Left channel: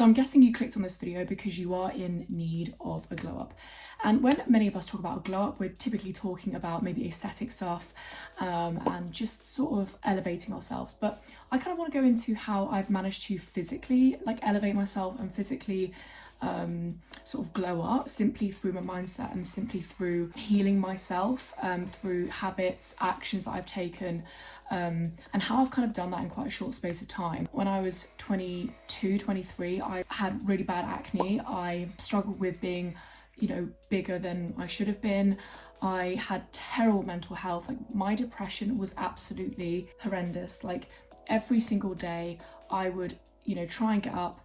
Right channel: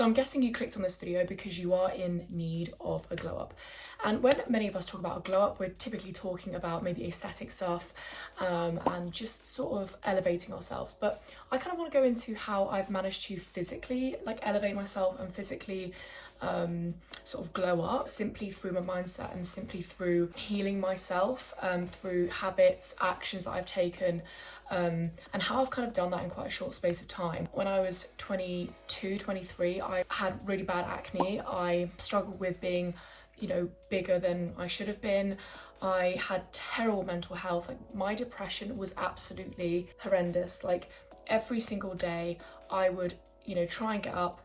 So I'm guessing you clicked on this video because you are in need of a glow up. And when many of us talk about a glow up, we're typically talking about maybe aesthetic stuff and just sort of elevating ourselves. But I kind of want to go into how I've managed to physically elevate myself and physically sort of glow up simply through my mindset and simply through healing myself through habits, actions that I've taken, and how I've kind of done that in quite a short space of time. When I was 22, 23, I had really bad acne. I struggled with being, bigger than I should have been. I had terrible mental health. My depression was absolutely horrendous. Every single day I would, try and get up,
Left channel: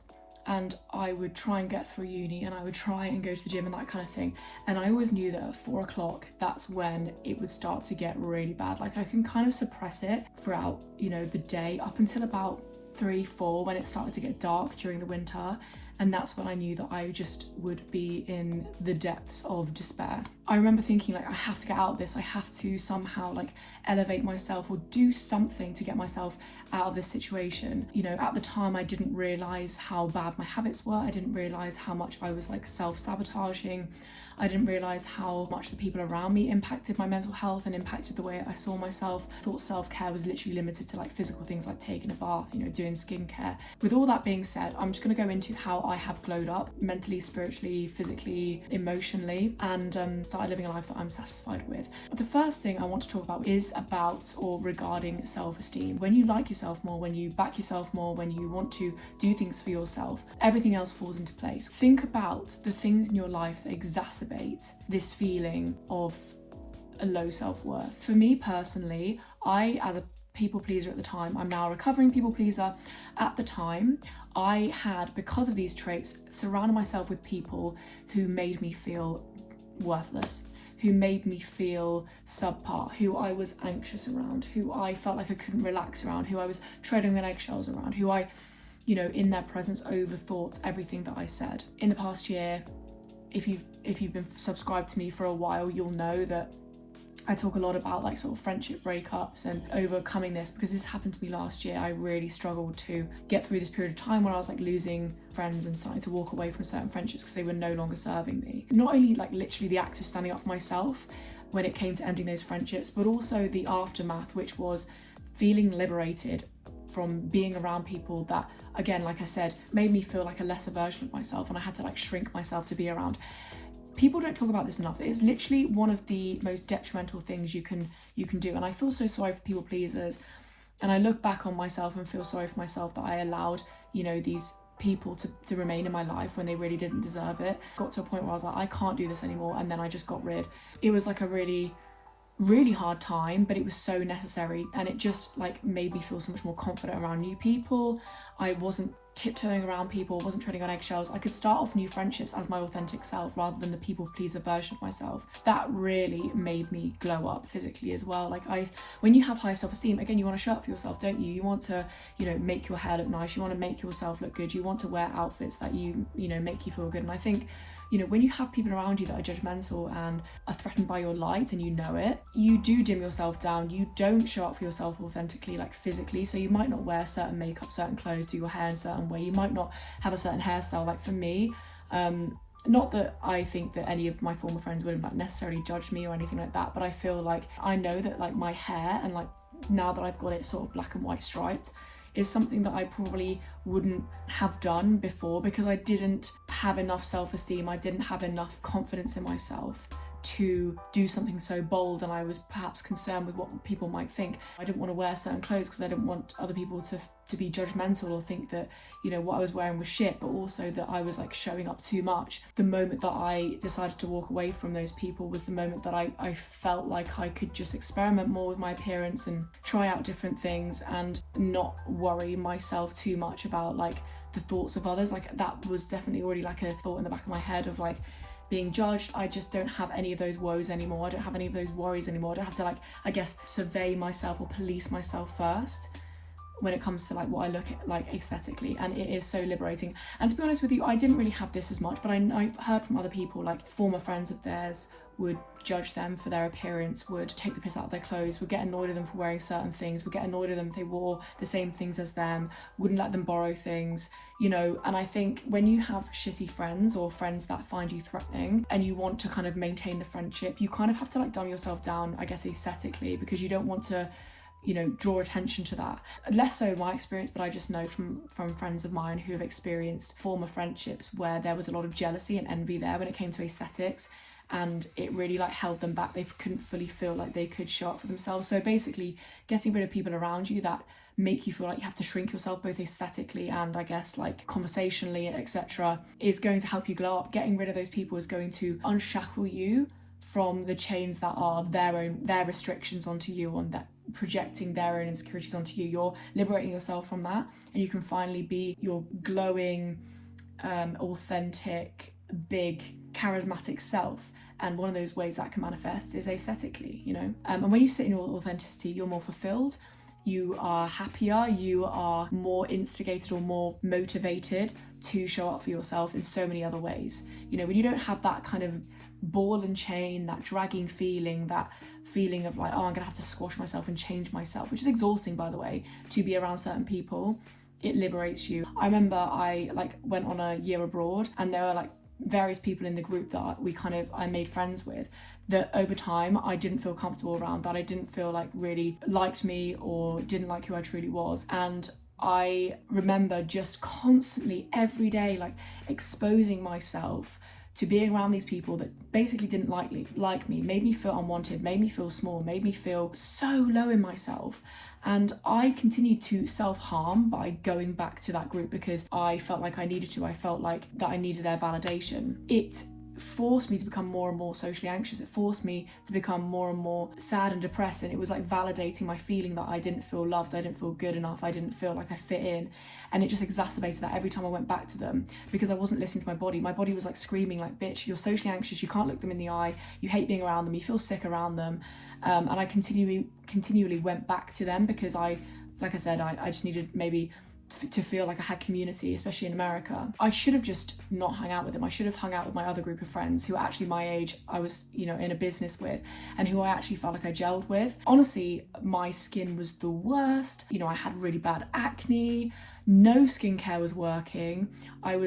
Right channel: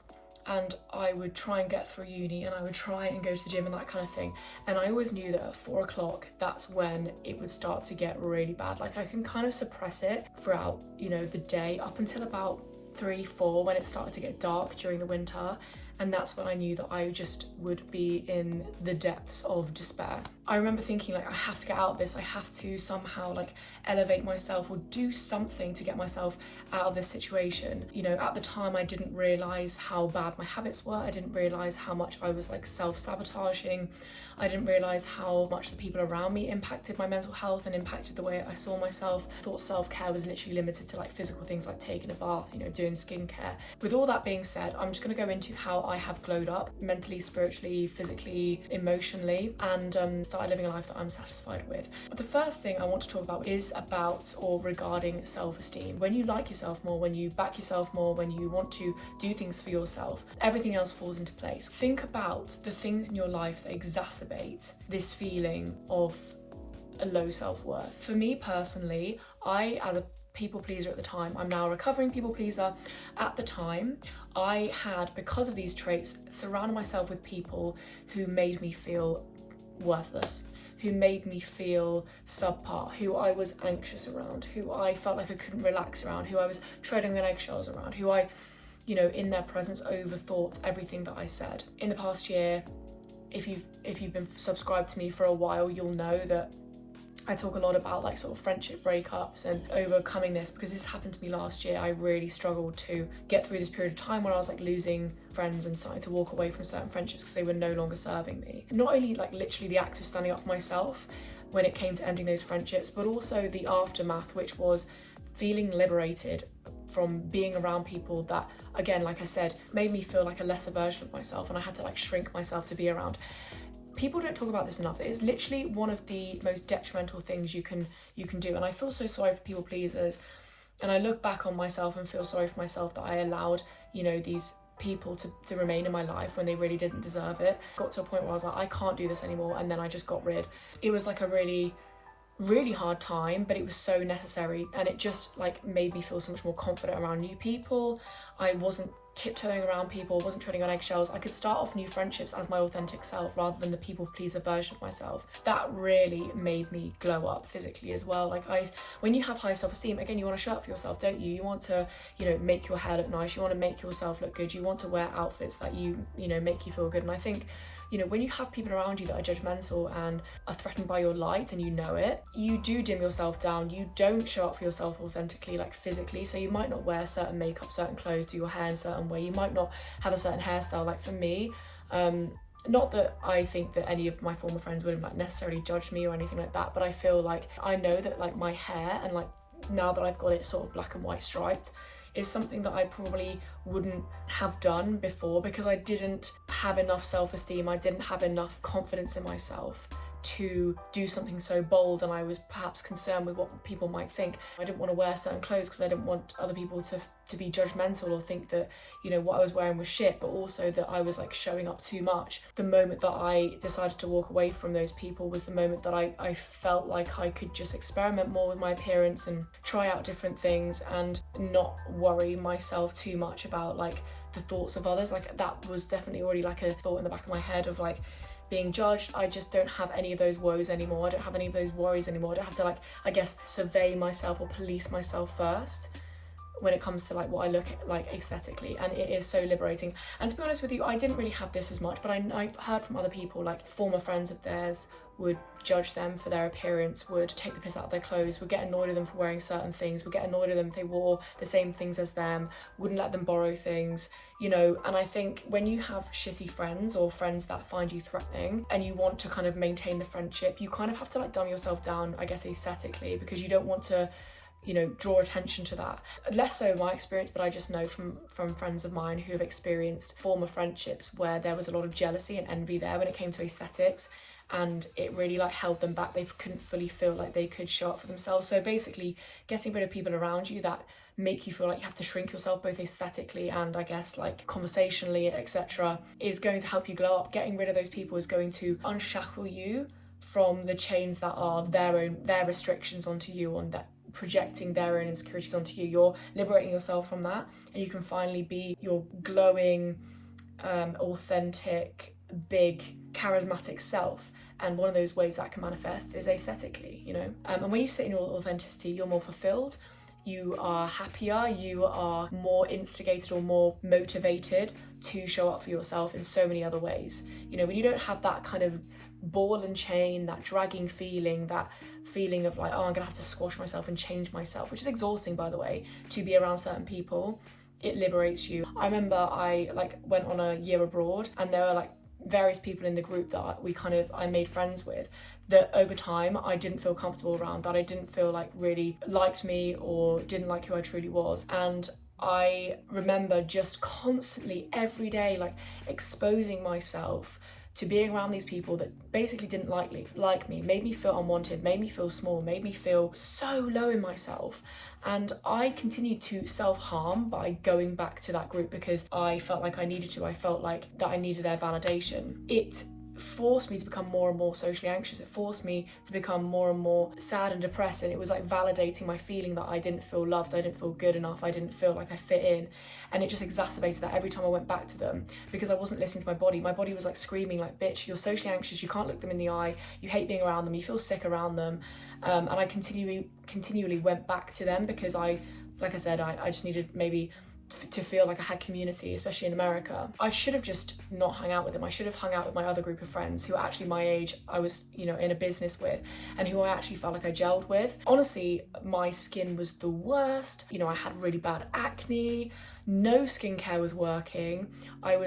and I would try and get through uni, and I would try and go to the gym and that kind of thing. And I always knew that at 4 o'clock, that's when it would start to get really bad. I can kind of suppress it throughout, the day up until about 3, 4, when it started to get dark during the winter. And that's when I knew that I just would be in the depths of despair. I remember thinking I have to get out of this. I have to somehow elevate myself or do something to get myself out of this situation. At the time I didn't realize how bad my habits were. I didn't realize how much I was self-sabotaging. I didn't realize how much the people around me impacted my mental health and impacted the way I saw myself. I thought self-care was literally limited to physical things like taking a bath, doing skincare. With all that being said, I'm just going to go into how I have glowed up mentally, spiritually, physically, emotionally, and started living a life that I'm satisfied with. But the first thing I want to talk about is about or regarding self-esteem. When you like yourself more, when you back yourself more, when you want to do things for yourself, everything else falls into place. Think about the things in your life that exacerbate this feeling of a low self-worth. For me personally, I, as a people pleaser at the time, I'm now a recovering people pleaser. At the time, I had, because of these traits, surrounded myself with people who made me feel worthless, who made me feel subpar, who I was anxious around, who I felt like I couldn't relax around, who I was treading on eggshells around, who I, in their presence overthought everything that I said. In the past year, if you've been subscribed to me for a while, you'll know that I talk a lot about sort of friendship breakups and overcoming this, because this happened to me last year. I really struggled to get through this period of time where I was losing friends and starting to walk away from certain friendships because they were no longer serving me. Not only literally the act of standing up for myself when it came to ending those friendships, but also the aftermath, which was feeling liberated from being around people that, again, like I said, made me feel like a lesser version of myself, and I had to shrink myself to be around. People don't talk about this enough. It is literally one of the most detrimental things you can do. And I feel so sorry for people pleasers. And I look back on myself and feel sorry for myself that I allowed, these people to remain in my life when they really didn't deserve it. Got to a point where I was I can't do this anymore. And then I just got rid. It was a really hard time, but it was so necessary, and it just made me feel so much more confident around new people. I wasn't tiptoeing around people, wasn't treading on eggshells. I could start off new friendships as my authentic self rather than the people pleaser version of myself. That really made me glow up physically as well. When you have high self-esteem, again, you want to show up for yourself, don't you? You want to, make your hair look nice. You want to make yourself look good. You want to wear outfits that make you feel good. And I think, when you have people around you that are judgmental and are threatened by your light and you know it, you do dim yourself down. You don't show up for yourself authentically, physically. So you might not wear certain makeup, certain clothes, do your hair in a certain way. You might not have a certain hairstyle. For me, not that I think that any of my former friends would have necessarily judged me or anything like that, but I feel I know that my hair and now that I've got it sort of black and white striped, is something that I probably wouldn't have done before, because I didn't have enough self-esteem. I didn't have enough confidence in myself to do something so bold, and I was perhaps concerned with what people might think. I didn't want to wear certain clothes because I didn't want other people to be judgmental or think that what I was wearing was shit, but also that I was showing up too much. The moment that I decided to walk away from those people was the moment that I felt like I could just experiment more with my appearance and try out different things and not worry myself too much about the thoughts of others. That was definitely already a thought in the back of my head of being judged. I just don't have any of those woes anymore. I don't have any of those worries anymore. I don't have to survey myself or police myself first when it comes to like what I look at like aesthetically, and it is so liberating. And to be honest with you, I didn't really have this as much, but I've heard from other people, like former friends of theirs would judge them for their appearance, would take the piss out of their clothes, would get annoyed at them for wearing certain things, would get annoyed at them if they wore the same things as them, wouldn't let them borrow things, you know. And I think when you have shitty friends or friends that find you threatening and you want to kind of maintain the friendship, you kind of have to like dumb yourself down, I guess, aesthetically, because you don't want to, you know, draw attention to that. Less so my experience, but I just know from friends of mine who have experienced former friendships where there was a lot of jealousy and envy there when it came to aesthetics, and it really like held them back. They couldn't fully feel like they could show up for themselves. So basically getting rid of people around you that make you feel like you have to shrink yourself both aesthetically and I guess like conversationally, etc., is going to help you glow up. Getting rid of those people is going to unshackle you from the chains that are their restrictions onto you, on that projecting their own insecurities onto you. You're liberating yourself from that, and you can finally be your glowing, authentic, big, charismatic self. And one of those ways that can manifest is aesthetically, you know. And when you sit in your authenticity, you're more fulfilled, you are happier, you are more instigated or more motivated to show up for yourself in so many other ways. You know, when you don't have that kind of ball and chain, that dragging feeling, that feeling of like, oh, I'm gonna have to squash myself and change myself, which is exhausting, by the way, to be around certain people. It liberates you. I remember I like went on a year abroad, and there were like various people in the group that I made friends with, that over time I didn't feel comfortable around, that I didn't feel like really liked me or didn't like who I truly was. And I remember just constantly every day like exposing myself to being around these people that basically didn't like me, made me feel unwanted, made me feel small, made me feel so low in myself. And I continued to self-harm by going back to that group because I felt like I needed to. I felt like that I needed their validation. It forced me to become more and more socially anxious. It forced me to become more and more sad and depressed, and it was like validating my feeling that I didn't feel loved, I didn't feel good enough, I didn't feel like I fit in. And it just exacerbated that every time I went back to them, because I wasn't listening to my body. My body was like screaming like, bitch, you're socially anxious, you can't look them in the eye, you hate being around them, you feel sick around them. And I continually went back to them because I just needed maybe to feel like I had community, especially in America. I should have just not hung out with them. I should have hung out with my other group of friends who are actually my age, I was, you know, in a business with, and who I actually felt like I gelled with. Honestly, my skin was the worst. You know, I had really bad acne, no skincare was working. I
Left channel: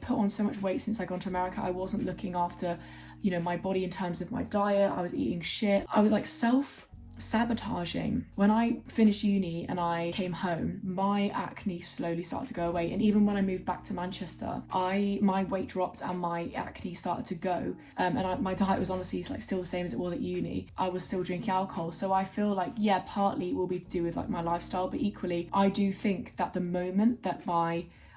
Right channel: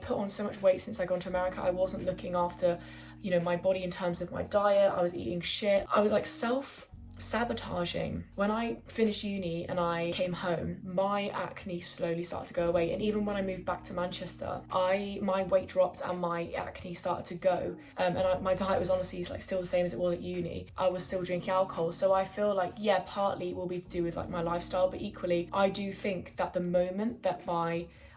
put on so much weight since I got to America. I wasn't looking after, you know, my body in terms of my diet. I was eating shit. I was like self-sabotaging. When I finished uni and I came home, my acne slowly started to go away. And even when I moved back to Manchester, my weight dropped and my acne started to go. My diet was honestly like still the same as it was at uni. I was still drinking alcohol. So I feel like, yeah, partly it will be to do with like my lifestyle, but equally, I do think that the moment that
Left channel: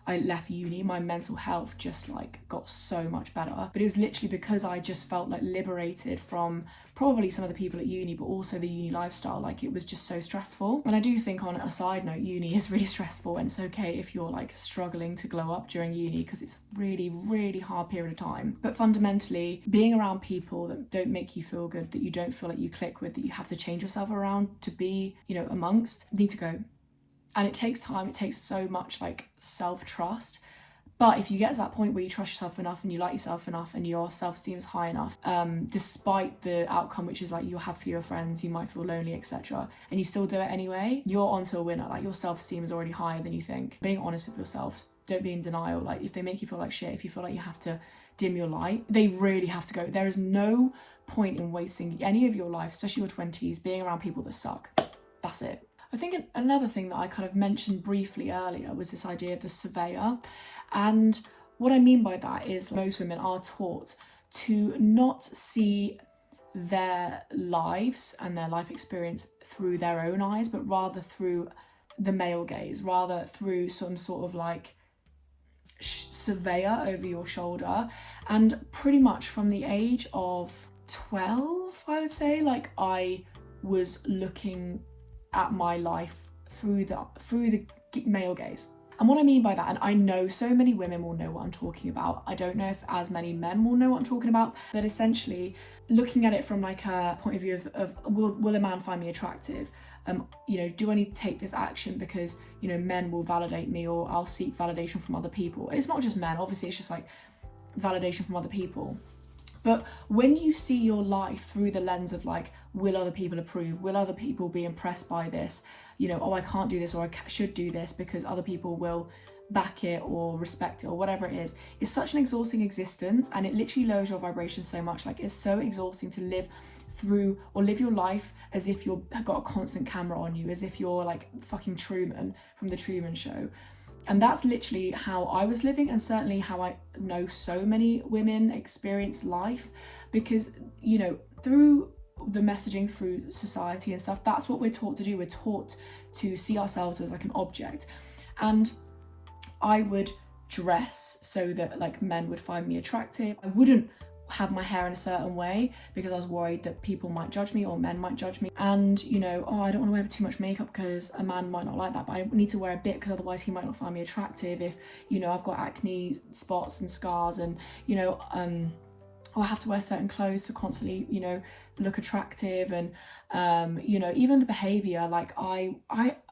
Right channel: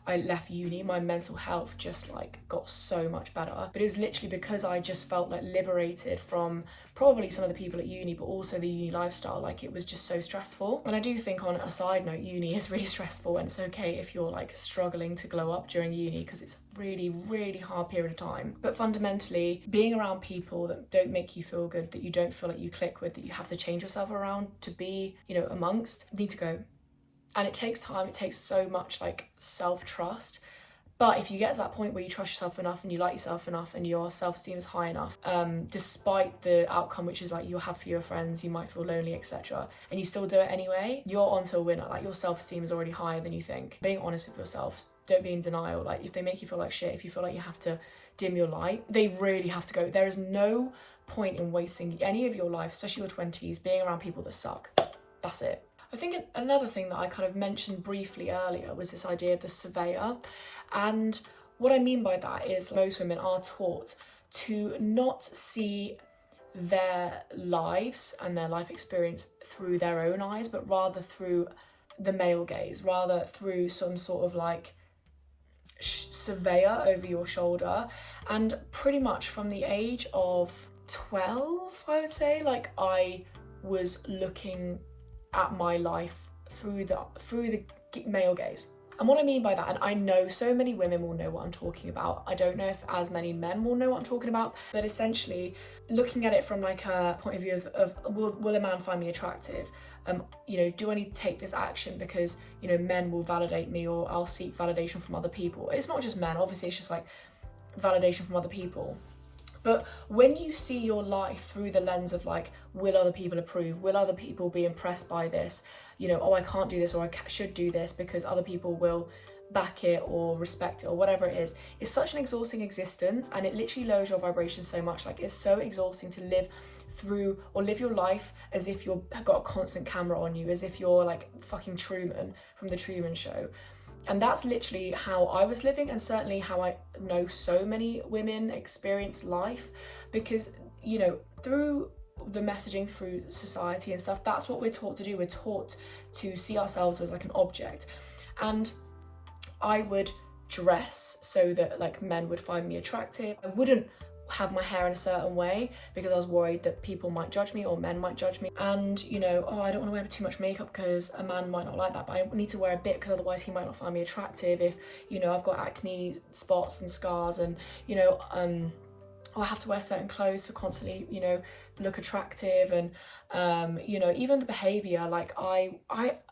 I left uni, my mental health just like got so much better. But it was literally because I just felt like liberated from probably some of the people at uni, but also the uni lifestyle. Like, it was just so stressful. And I do think, on a side note, uni is really stressful, and it's okay if you're like struggling to glow up during uni, because it's a really, really hard period of time. But fundamentally, being around people that don't make you feel good, that you don't feel like you click with, that you have to change yourself around to be, you know, amongst, need to go. And it takes time, it takes so much like self-trust. But if you get to that point where you trust yourself enough and you like yourself enough and your self-esteem is high enough, despite the outcome, which is like you'll have fewer friends, you might feel lonely, etc., and you still do it anyway, you're onto a winner. Like, your self-esteem is already higher than you think. Being honest with yourself, don't be in denial. Like, if they make you feel like shit, if you feel like you have to dim your light, they really have to go. There is no point in wasting any of your life, especially your 20s, being around people that suck. That's it. I think another thing that I kind of mentioned briefly earlier was this idea of the surveyor. And what I mean by that is most women are taught to not see their lives and their life experience through their own eyes, but rather through the male gaze, rather through some sort of like surveyor over your shoulder. And pretty much from the age of 12, I would say, like, I was looking at my life through the male gaze. And what I mean by that, and I know so many women will know what I'm talking about, I don't know if as many men will know what I'm talking about, but essentially looking at it from like a point of view of will a man find me attractive? do I need to take this action because, men will validate me, or I'll seek validation from other people. It's not just men, obviously, it's just like validation from other people. But when you see your life through the lens of like, will other people approve? Will other people be impressed by this? I can't do this, or I should do this because other people will back it or respect it or whatever it is. It's such an exhausting existence, and it literally lowers your vibration so much. Like, it's so exhausting to live through or live your life as if you've got a constant camera on you, as if you're like fucking Truman from the Truman Show. And that's literally how I was living, and certainly how I know so many women experience life, because, through the messaging, through society and stuff, that's what we're taught to do. We're taught to see ourselves as like an object. And I would dress so that like men would find me attractive. I wouldn't have my hair in a certain way because I was worried that people might judge me or men might judge me. And I don't want to wear too much makeup because a man might not like that, but I need to wear a bit because otherwise he might not find me attractive. If I've got acne spots and scars, and I have to wear certain clothes to constantly look attractive. And even the behavior, like I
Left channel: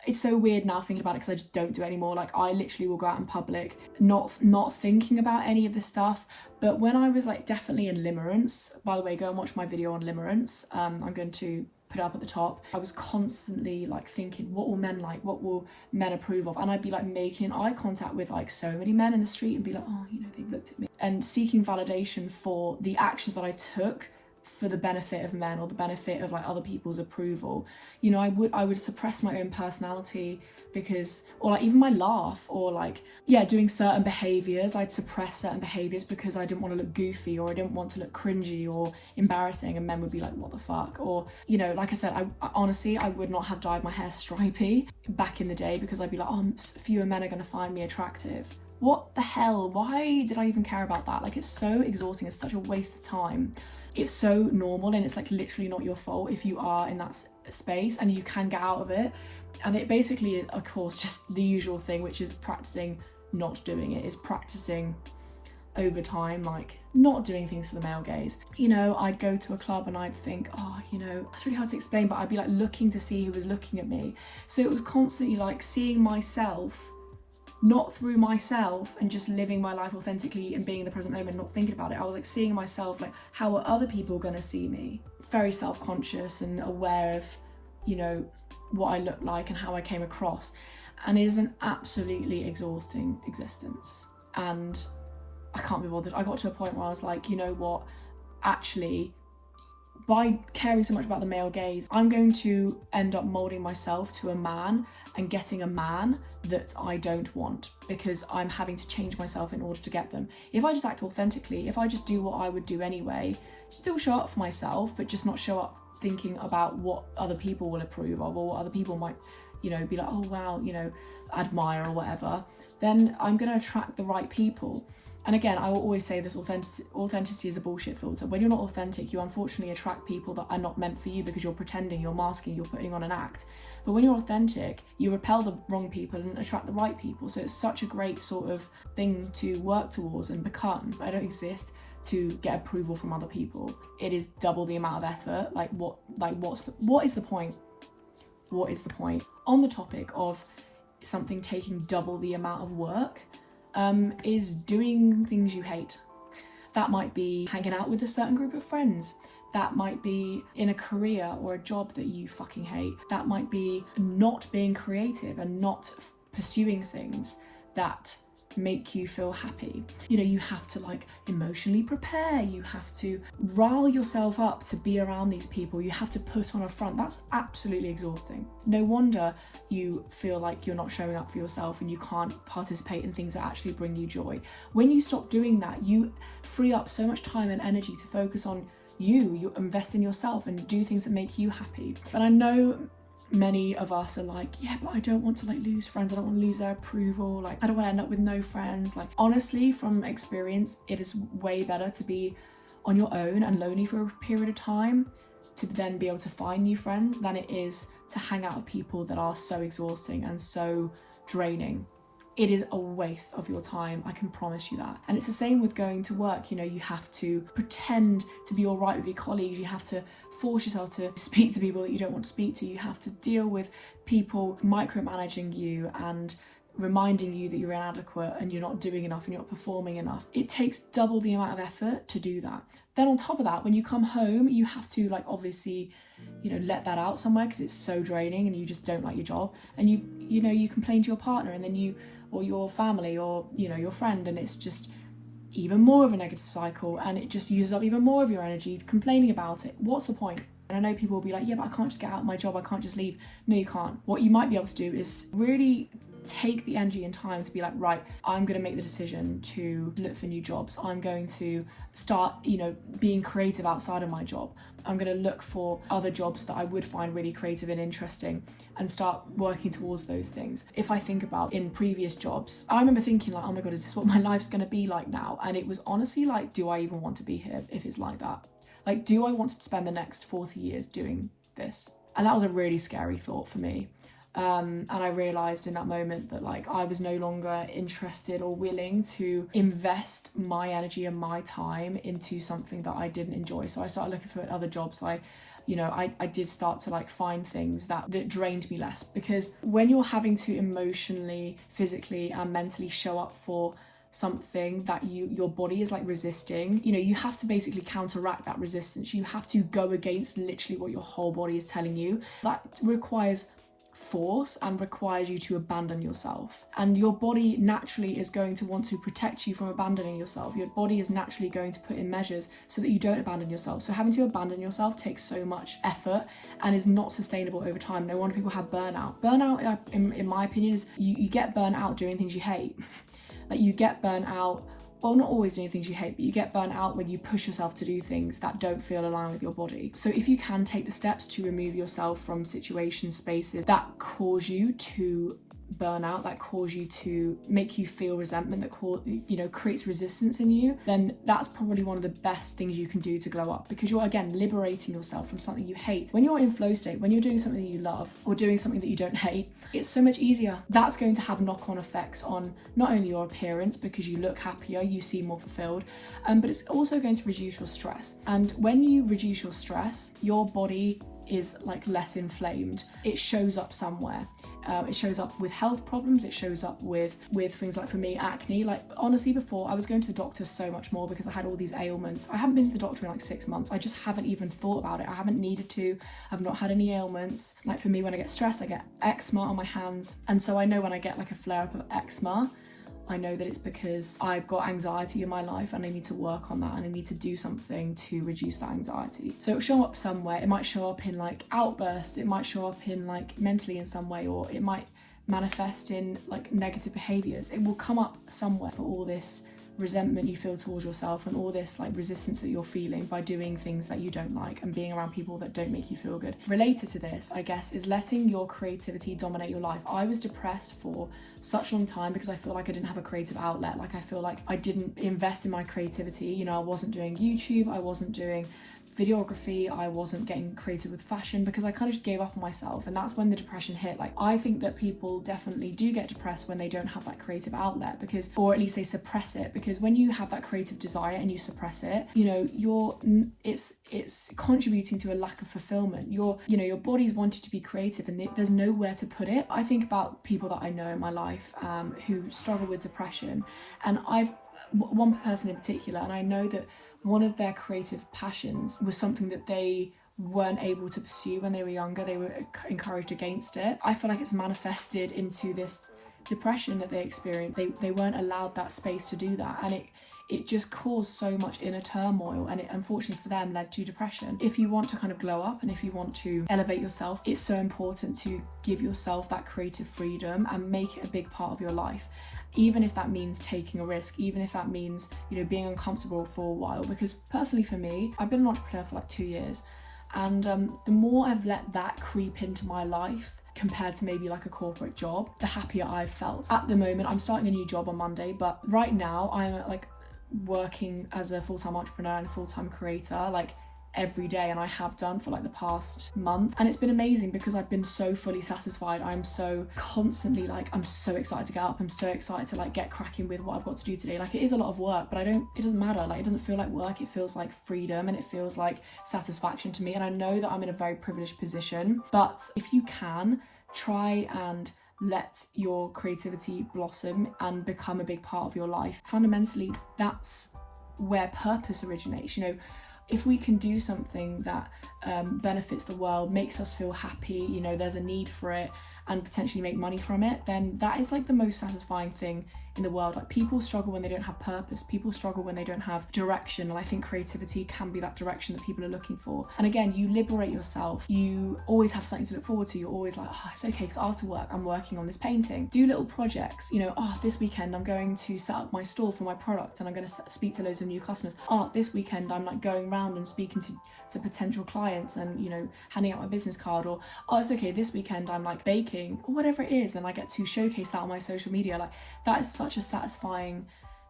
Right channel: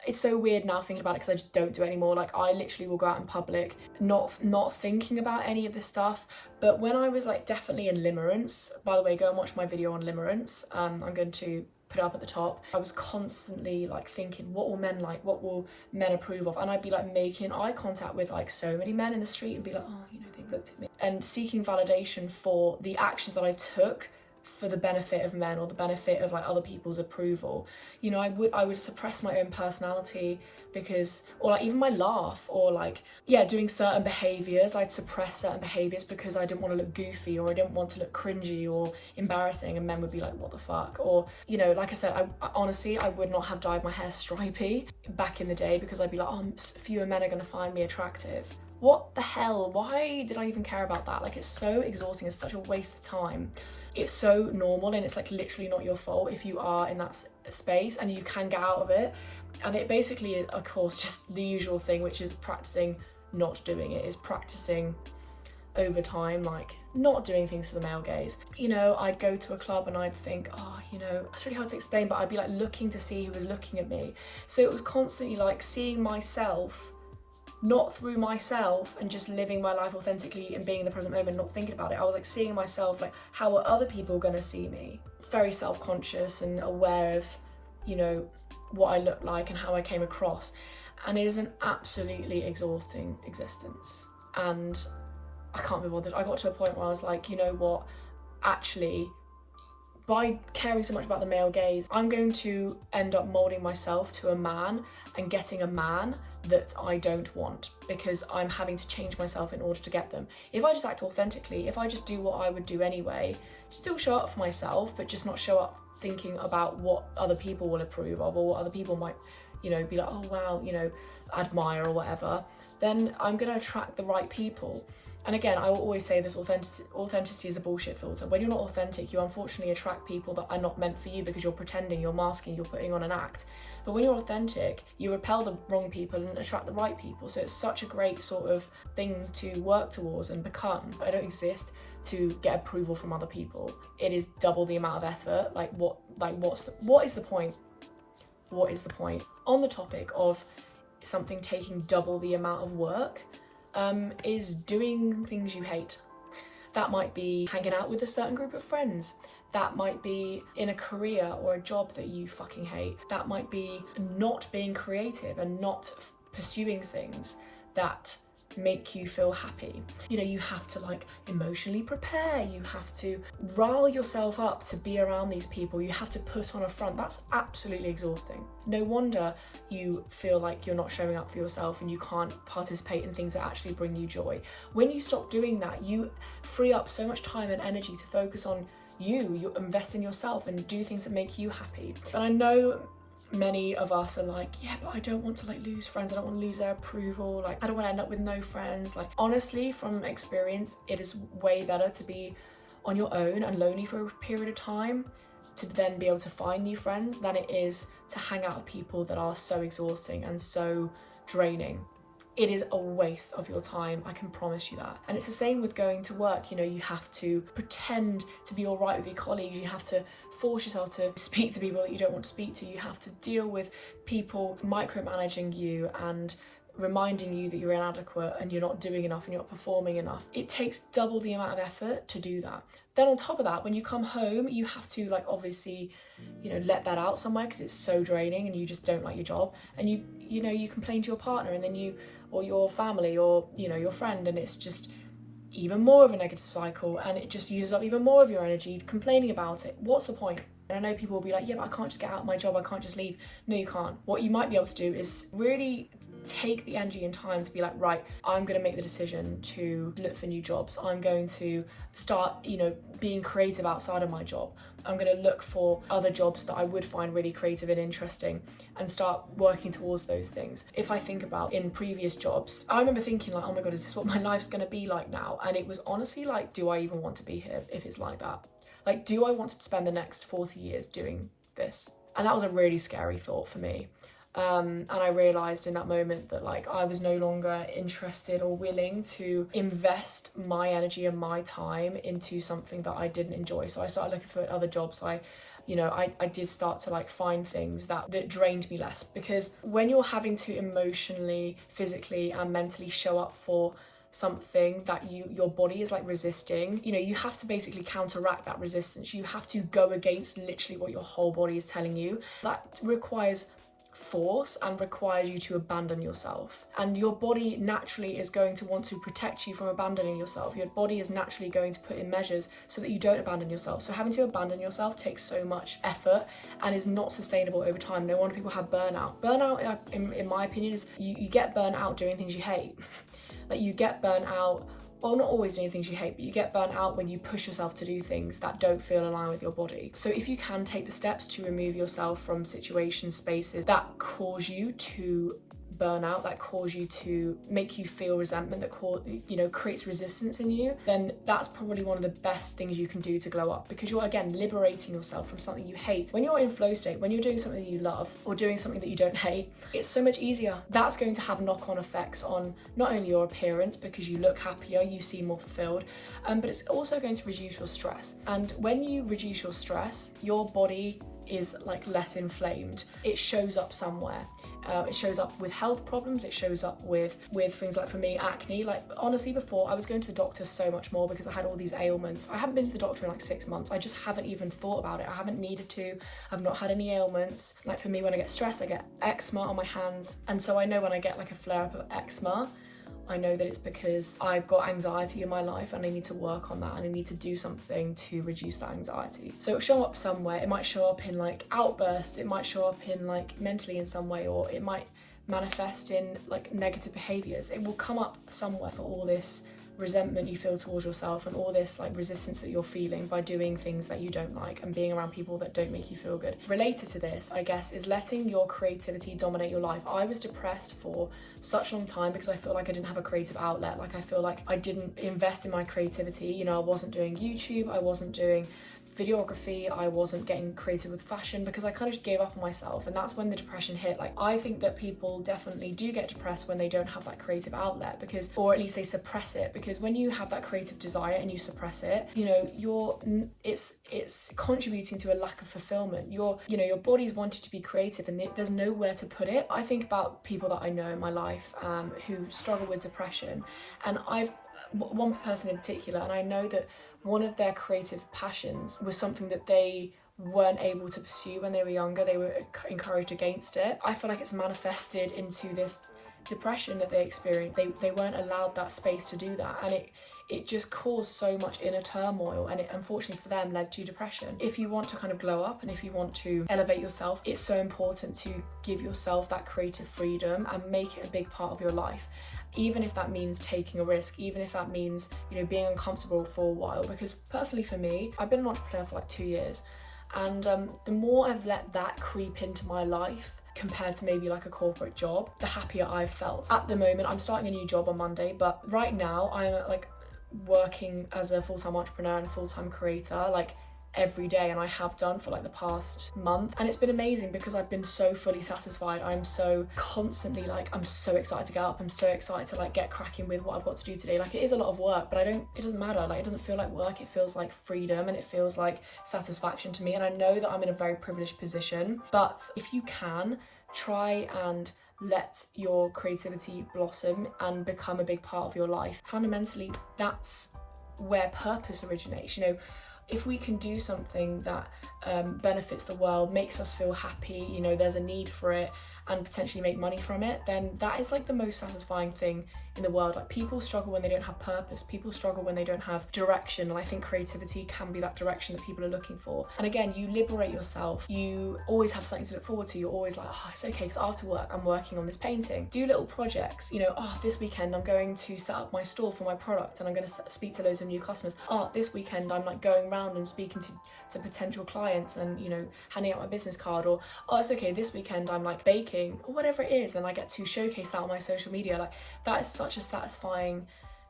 it's so weird now thinking about it because I just don't do it anymore. Like, I literally will go out in public not thinking about any of this stuff. But when I was like definitely in limerence, by the way, go and watch my video on limerence, I'm going to put it up at the top. I was constantly like thinking, what will men like, what will men approve of? And I'd be like making eye contact with like so many men in the street and be like, oh, they've looked at me, and seeking validation for the actions that I took for the benefit of men or the benefit of like other people's approval. I would suppress my own personality because, or like even my laugh, or like, doing certain behaviors. I'd suppress certain behaviors because I didn't want to look goofy, or I didn't want to look cringy or embarrassing, and men would be like, what the fuck? Or, like I said, I honestly, I would not have dyed my hair stripy back in the day because I'd be like, oh, fewer men are going to find me attractive. What the hell? Why did I even care about that? Like, it's so exhausting. It's such a waste of time. It's so normal, and it's like literally not your fault if you are in that space, and you can get out of it. And it basically is, of course, just the usual thing, which is practicing not doing it, is practicing over time, like not doing things for the male gaze. I'd go to a club and I'd think, it's really hard to explain, but I'd be like looking to see who was looking at me. So it was constantly like seeing myself, not through myself, and just living my life authentically and being in the present moment, not thinking about it. I was like seeing myself like, how are other people gonna see me? Very self-conscious and aware of, what I look like and how I came across. And it is an absolutely exhausting existence. And I can't be bothered. I got to a point where I was like, actually, by caring so much about the male gaze, I'm going to end up molding myself to a man and getting a man that I don't want, because I'm having to change myself in order to get them. If I just act authentically, if I just do what I would do anyway, still show up for myself, but just not show up thinking about what other people will approve of, or what other people might, be like, oh wow, admire or whatever, then I'm going to attract the right people. And again, I will always say this, authenticity is a bullshit filter. When you're not authentic, you unfortunately attract people that are not meant for you because you're pretending, you're masking, you're putting on an act. But when you're authentic, you repel the wrong people and attract the right people. So it's such a great sort of thing to work towards and become. I don't exist to get approval from other people. It is double the amount of effort. What is the point? What is the point? On the topic of something taking double the amount of work, is doing things you hate. That might be hanging out with a certain group of friends. That might be in a career or a job that you fucking hate. That might be not being creative and not pursuing things that make you feel happy. You have to like emotionally prepare, you have to rile yourself up to be around these people, you have to put on a front. That's absolutely exhausting. No wonder you feel like you're not showing up for yourself and you can't participate in things that actually bring you joy. When you stop doing that, you free up so much time and energy to focus on you invest in yourself and do things that make you happy. And I know many of us are like, yeah, but I don't want to like lose friends, I don't want to lose their approval, like I don't want to end up with no friends. Like, honestly, from experience, it is way better to be on your own and lonely for a period of time to then be able to find new friends than it is to hang out with people that are so exhausting and so draining. It is a waste of your time, I can promise you that. And it's the same with going to work. You have to pretend to be all right with your colleagues, you have to force yourself to speak to people that you don't want to speak to. You have to deal with people micromanaging you and reminding you that you're inadequate and you're not doing enough and you're not performing enough. It takes double the amount of effort to do that. Then on top of that, when you come home, you have to like obviously, let that out somewhere because it's so draining and you just don't like your job, and you complain to your partner and then or your family or your friend, and it's just even more of a negative cycle, and it just uses up even more of your energy complaining about it. What's the point? And I know people will be like, yeah, but I can't just get out of my job, I can't just leave. No, you can't. What you might be able to do is really take the energy and time to be like, right, I'm going to make the decision to look for new jobs. I'm going to start, being creative outside of my job. I'm going to look for other jobs that I would find really creative and interesting and start working towards those things. If I think about in previous jobs, I remember thinking like, oh my God, is this what my life's going to be like now? And it was honestly like, do I even want to be here if it's like that? Like, do I want to spend the next 40 years doing this? And that was a really scary thought for me. And I realised in that moment that like I was no longer interested or willing to invest my energy and my time into something that I didn't enjoy. So I started looking for other jobs. I did start to like find things that drained me less, because when you're having to emotionally, physically and mentally show up for something that your body is like resisting, you have to basically counteract that resistance. You have to go against literally what your whole body is telling you. That requires force and requires you to abandon yourself, and your body naturally is going to want to protect you from abandoning yourself. Your body is naturally going to put in measures so that you don't abandon yourself. So having to abandon yourself takes so much effort and is not sustainable over time. No wonder people have burnout. In my opinion, is you get burnt out doing things you hate. Like you get burnt out, well, not always doing things you hate, but you get burnt out when you push yourself to do things that don't feel aligned with your body. So if you can take the steps to remove yourself from situations, spaces that cause you to burn out, that cause you to make you feel resentment, that creates resistance in you, then that's probably one of the best things you can do to glow up, because you're again liberating yourself from something you hate. When you're in flow state, when you're doing something that you love or doing something that you don't hate, it's so much easier. That's going to have knock-on effects on not only your appearance, because you look happier, you seem more fulfilled, but it's also going to reduce your stress. And when you reduce your stress, your body is like less inflamed. It shows up somewhere. It shows up with health problems. It shows up with things like, for me, acne. Like honestly, before I was going to the doctor so much more because I had all these ailments. I haven't been to the doctor in like 6 months. I just haven't even thought about it. I haven't needed to. I've not had any ailments. Like for me, when I get stressed, I get eczema on my hands. And so I know when I get like a flare up of eczema, I know that it's because I've got anxiety in my life and I need to work on that, and I need to do something to reduce that anxiety. So it'll show up somewhere. It might show up in like outbursts, it might show up in like mentally in some way, or it might manifest in like negative behaviors. It will come up somewhere for all this resentment you feel towards yourself and all this like resistance that you're feeling by doing things that you don't like and being around people that don't make you feel good. Related to this, I guess, is letting your creativity dominate your life. I was depressed for such a long time because I feel like I didn't have a creative outlet. Like I feel like I didn't invest in my creativity. I wasn't doing YouTube, I wasn't doing videography, I wasn't getting creative with fashion because I kind of just gave up on myself, and that's when the depression hit. Like I think that people definitely do get depressed when they don't have that creative outlet, or at least they suppress it, because when you have that creative desire and you suppress it, it's contributing to a lack of fulfillment. Your body's wanted to be creative and there's nowhere to put it. I think about people that I know in my life who struggle with depression, and one person in particular, and I know that one of their creative passions was something that they weren't able to pursue when they were younger. They were encouraged against it. I feel like it's manifested into this depression that they experienced. They weren't allowed that space to do that, and it just caused so much inner turmoil, and it unfortunately for them led to depression. If you want to kind of glow up and if you want to elevate yourself, it's so important to give yourself that creative freedom and make it a big part of your life. Even if that means taking a risk, even if that means, being uncomfortable for a while. Because personally for me, I've been an entrepreneur for like 2 years, and the more I've let that creep into my life compared to maybe like a corporate job, the happier I've felt. At the moment, I'm starting a new job on Monday, but right now I'm like working as a full-time entrepreneur and a full-time creator, like every day, and I have done for like the past month, and it's been amazing because I've been so fully satisfied. I'm so constantly like, I'm so excited to get up, I'm so excited to like get cracking with what I've got to do today. Like, it is a lot of work, but it doesn't matter. Like, it doesn't feel like work, it feels like freedom, and it feels like satisfaction to me. And I know that I'm in a very privileged position, but if you can, try and let your creativity blossom and become a big part of your life. Fundamentally, that's where purpose originates. You know, if we can do something that benefits the world, makes us feel happy, you know, there's a need for it, and potentially make money from it, then that is like the most satisfying thing in the world. Like, people struggle when they don't have purpose, people struggle when they don't have direction, and I think creativity can be that direction that people are looking for. And again, you liberate yourself, you always have something to look forward to. You're always like, oh, it's okay, because after work I'm working on this painting. Do little projects, you know, oh, this weekend I'm going to set up my store for my product and I'm going to speak to loads of new customers. Oh, this weekend I'm like going around and speaking to potential clients and, you know, handing out my business card. Or, oh, it's okay, this weekend I'm like baking, or whatever it is, and I get to showcase that on my social media. Like, that is such a satisfying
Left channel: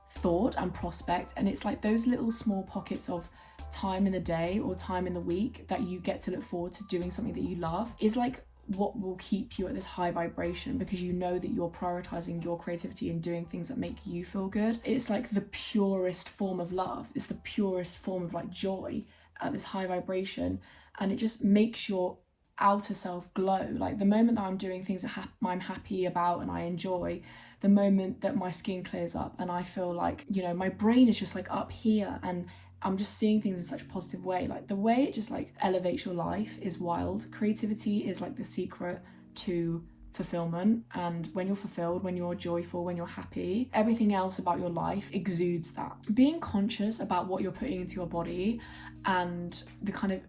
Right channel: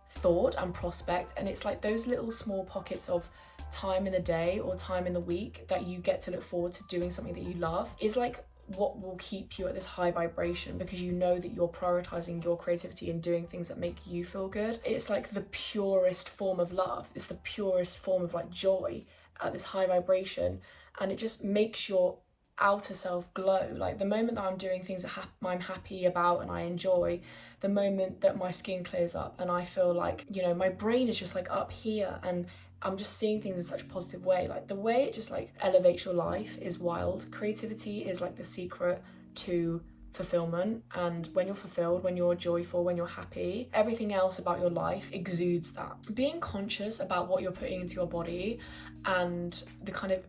thought and prospect. And it's like those little small pockets of time in the day or time in the week that you get to look forward to doing something that you love is like what will keep you at this high vibration, because you know that you're prioritizing your creativity and doing things that make you feel good. It's like the purest form of love, it's the purest form of like joy at this high vibration, and it just makes your outer self glow. Like, the moment that I'm doing things that I'm happy about and I enjoy, the moment that my skin clears up and I feel like, you know, my brain is just like up here and I'm just seeing things in such a positive way. Like, the way it just like elevates your life is wild. Creativity is like the secret to fulfillment, and when you're fulfilled, when you're joyful, when you're happy, everything else about your life exudes that. Being conscious about what you're putting into your body and the kind of,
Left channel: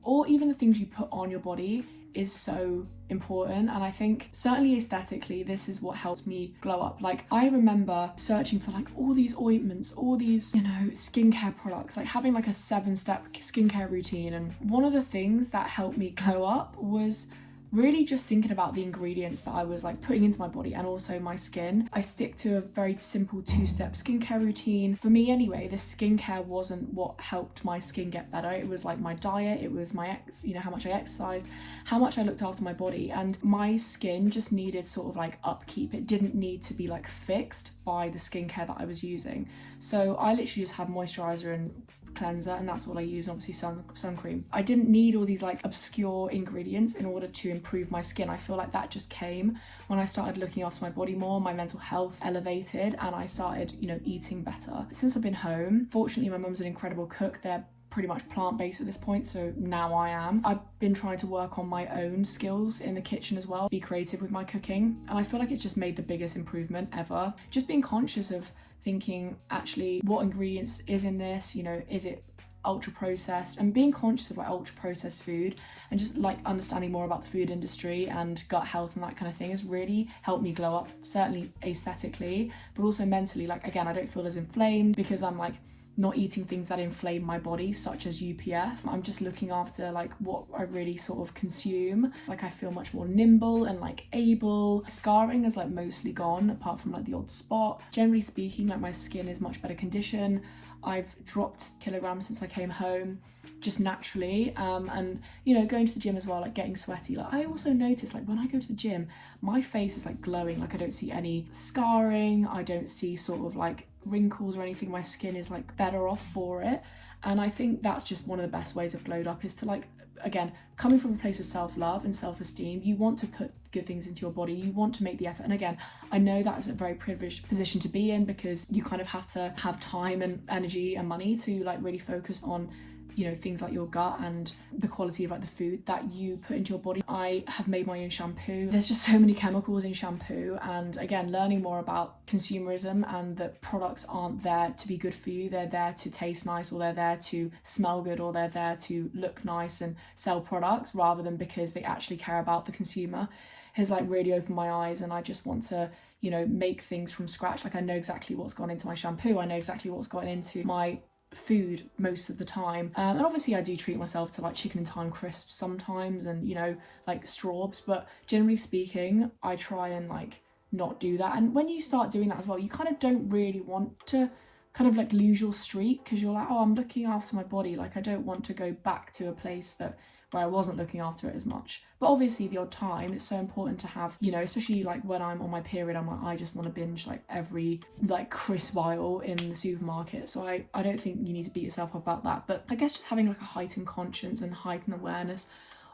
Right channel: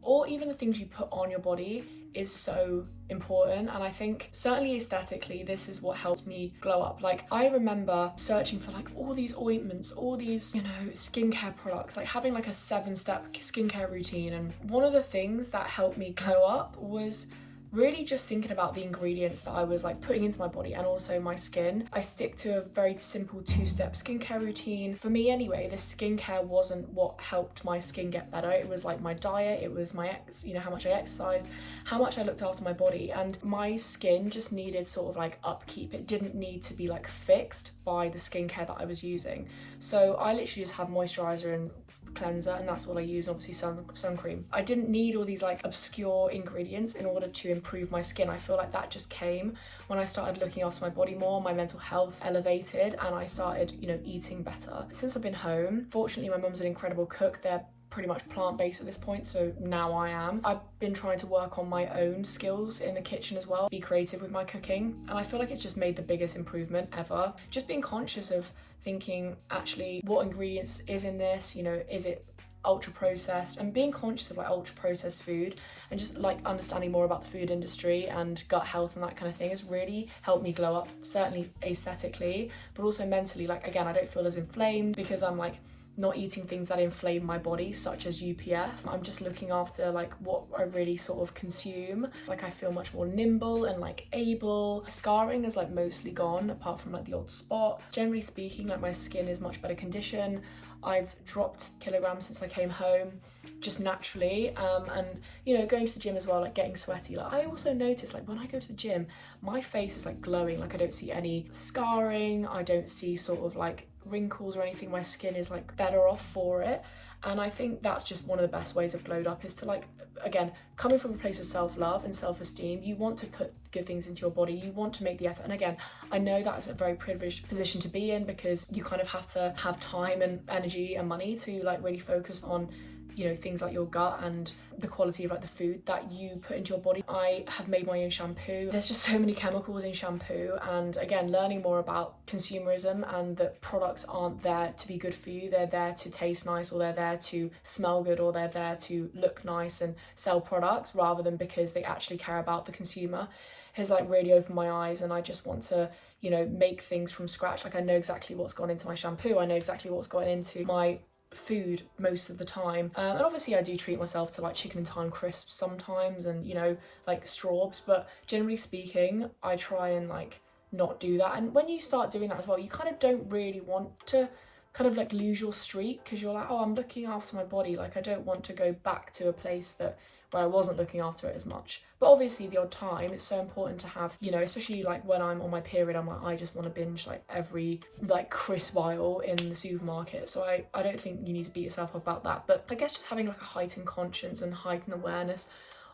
or even the things you put on your body, is so important. And I think certainly aesthetically, this is what helped me glow up. Like, I remember searching for like all these ointments, all these, you know, skincare products, like having like a 7-step skincare routine. And one of the things that helped me glow up was really just thinking about the ingredients that I was like putting into my body and also my skin. I stick to a very simple 2-step skincare routine. For me anyway, the skincare wasn't what helped my skin get better. It was like my diet, it was my you know, how much I exercised, how much I looked after my body, and my skin just needed sort of like upkeep. It didn't need to be like fixed by the skincare that I was using. So I literally just have moisturizer and cleanser, and that's all I use, and obviously sun cream. I didn't need all these like obscure ingredients in order to improve my skin. I feel like that just came when I started looking after my body more, my mental health elevated, and I started, you know, eating better. Since I've been home, fortunately my mum's an incredible cook. They're pretty much plant-based at this point, so now I am. I've been trying to work on my own skills in the kitchen as well, be creative with my cooking, and I feel like it's just made the biggest improvement ever. Just being conscious of thinking, actually, what ingredients is in this, you know, is it ultra processed, and being conscious of like ultra processed food and just like understanding more about the food industry and gut health and that kind of thing has really helped me glow up, certainly aesthetically, but also mentally. Like, again, I don't feel as inflamed because I'm like not eating things that inflame my body, such as UPF. I'm just looking after like what I really sort of consume. Like, I feel much more nimble and like able. Scarring is like mostly gone, apart from like the odd spot. Generally speaking, like my skin is much better condition. I've dropped kilograms since I came home, just naturally, and you know, going to the gym as well, like getting sweaty. Like, I also notice like when I go to the gym, my face is like glowing. Like, I don't see any scarring, I don't see sort of like wrinkles or anything. My skin is like better off for it, and I think that's just one of the best ways I've glowed up, is to like, again, coming from a place of self-love and self-esteem, you want to put good things into your body, you want to make the effort. And again, I know that's a very privileged position to be in, because you kind of have to have time and energy and money to like really focus on, you know, things like your gut and the quality of like the food that you put into your body. I have made my own shampoo. There's just so many chemicals in shampoo, and again, learning more about consumerism and that products aren't there to be good for you. They're there to taste nice, or they're there to smell good, or they're there to look nice and sell products, rather than because they actually care about the consumer, has like really opened my eyes. And I just want to, you know, make things from scratch. Like, I know exactly what's gone into my shampoo, I know exactly what's gone into my food most of the time, and obviously I do treat myself to like chicken and thyme crisps sometimes, and you know, like straws, but generally speaking I try and like not do that. And when you start doing that as well, you kind of don't really want to kind of like lose your streak, because you're like, oh, I'm looking after my body, like I don't want to go back to a place where I wasn't looking after it as much. But obviously the odd time, it's so important to have, you know, especially like when I'm on my period, I'm like, I just want to binge like every like crisp aisle in the supermarket. So I don't think you need to beat yourself up about that. But I guess just having like a heightened conscience and heightened awareness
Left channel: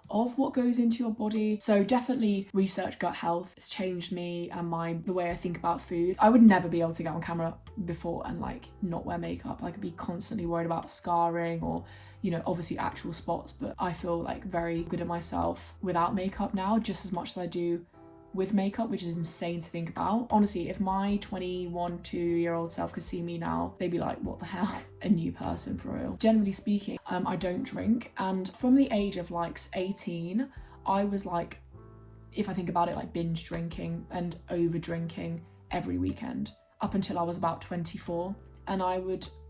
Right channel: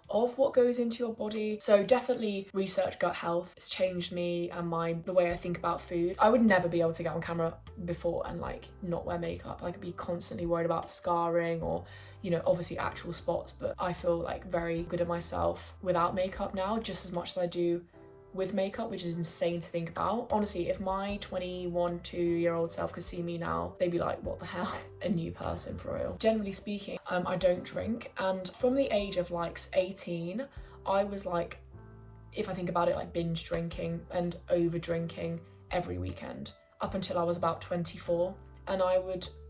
of what goes into your body. So definitely research gut health. It's changed me and the way I think about food. I would never be able to get on camera before and like not wear makeup. I could be constantly worried about scarring or, you know, obviously actual spots, but I feel like very good at myself without makeup now, just as much as I do with makeup, which is insane to think about. Honestly, if my 21, 2-year-old self could see me now, they'd be like, what the hell? A new person for real. Generally speaking, I don't drink. And from the age of like 18, I was like, if I think about it, like binge drinking and over drinking every weekend up until I was about 24. And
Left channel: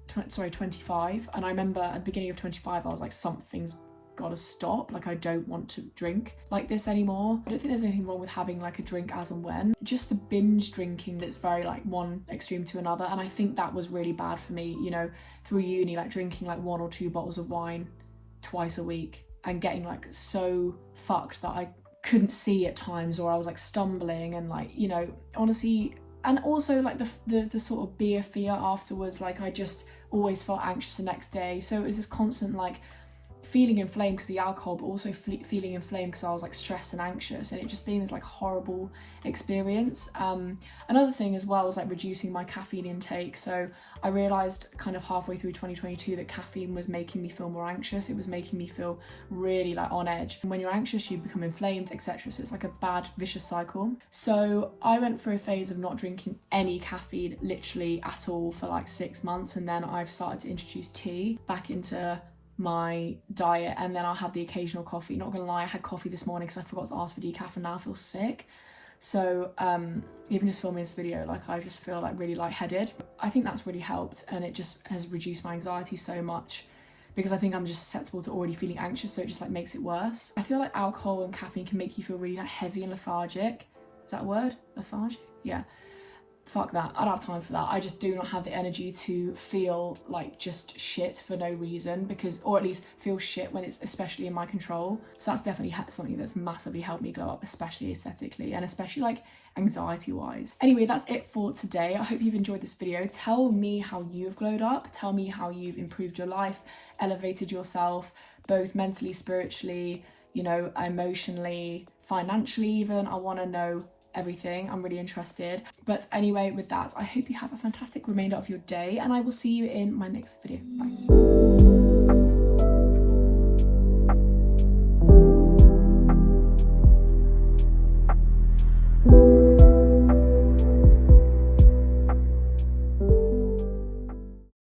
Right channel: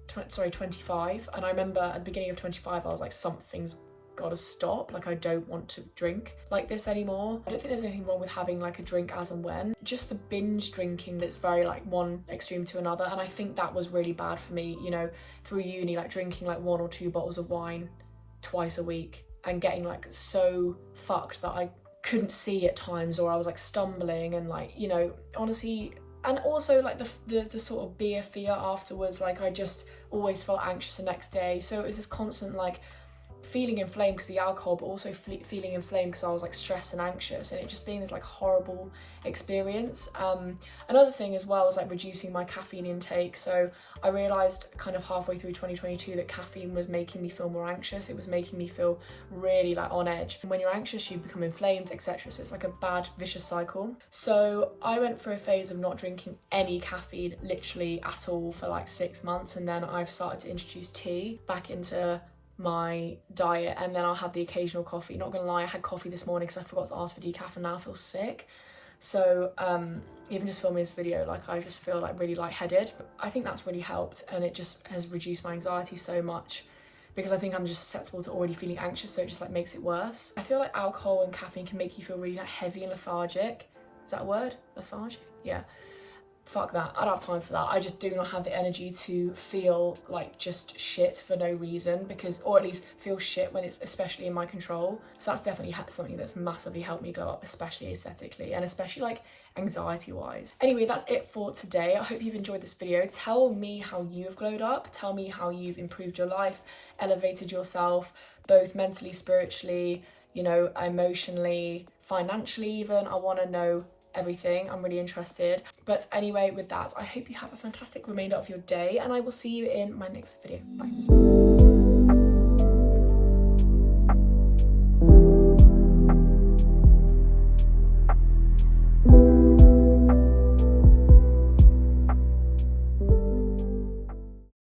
25. And I remember at the beginning of 25, I was like, something's gotta stop. Like I don't want to drink like this anymore. I don't think there's anything wrong with having like a drink as and when, just the binge drinking that's very like one extreme to another. And I think that was really bad for me, you know, through uni, like drinking like 1 or 2 bottles of wine twice a week and getting like so fucked that I couldn't see at times, or I was like stumbling and like, you know, honestly. And also like the sort of beer fear afterwards, like I just always felt anxious the next day. So it was this constant like feeling inflamed because of the alcohol, but also feeling inflamed because I was like stressed and anxious, and it just being this like horrible experience. Another thing as well was like reducing my caffeine intake. So I realized kind of halfway through 2022 that caffeine was making me feel more anxious. It was making me feel really like on edge, and when you're anxious you become inflamed, etc. So it's like a bad vicious cycle. So I went through a phase of not drinking any caffeine literally at all for like 6 months, and then I've started to introduce tea back into my diet, and then I'll have the occasional coffee. Not gonna lie, I had coffee this morning because I forgot to ask for decaf, and now I feel sick. So even just filming this video, like I just feel like really lightheaded. I think that's really helped, and it just has reduced my anxiety so much because I think I'm just susceptible to already feeling anxious, so it just like makes it worse. I feel like alcohol and caffeine can make you feel really like heavy and lethargic. Is that a word? Lethargic? Yeah. Fuck that, I don't have time for that. I just do not have the energy to feel like just shit for no reason, or at least feel shit when it's especially in my control. So that's definitely something that's massively helped me glow up, especially aesthetically and especially like anxiety wise. Anyway, that's it for today. I hope you've enjoyed this video. Tell me how you've glowed up. Tell me how you've improved your life, elevated yourself, both mentally, spiritually, you know, emotionally, financially even. I want to know everything. I'm really interested. But anyway, with that, I hope you have a fantastic remainder of your day, and I will see you in my next video. Bye.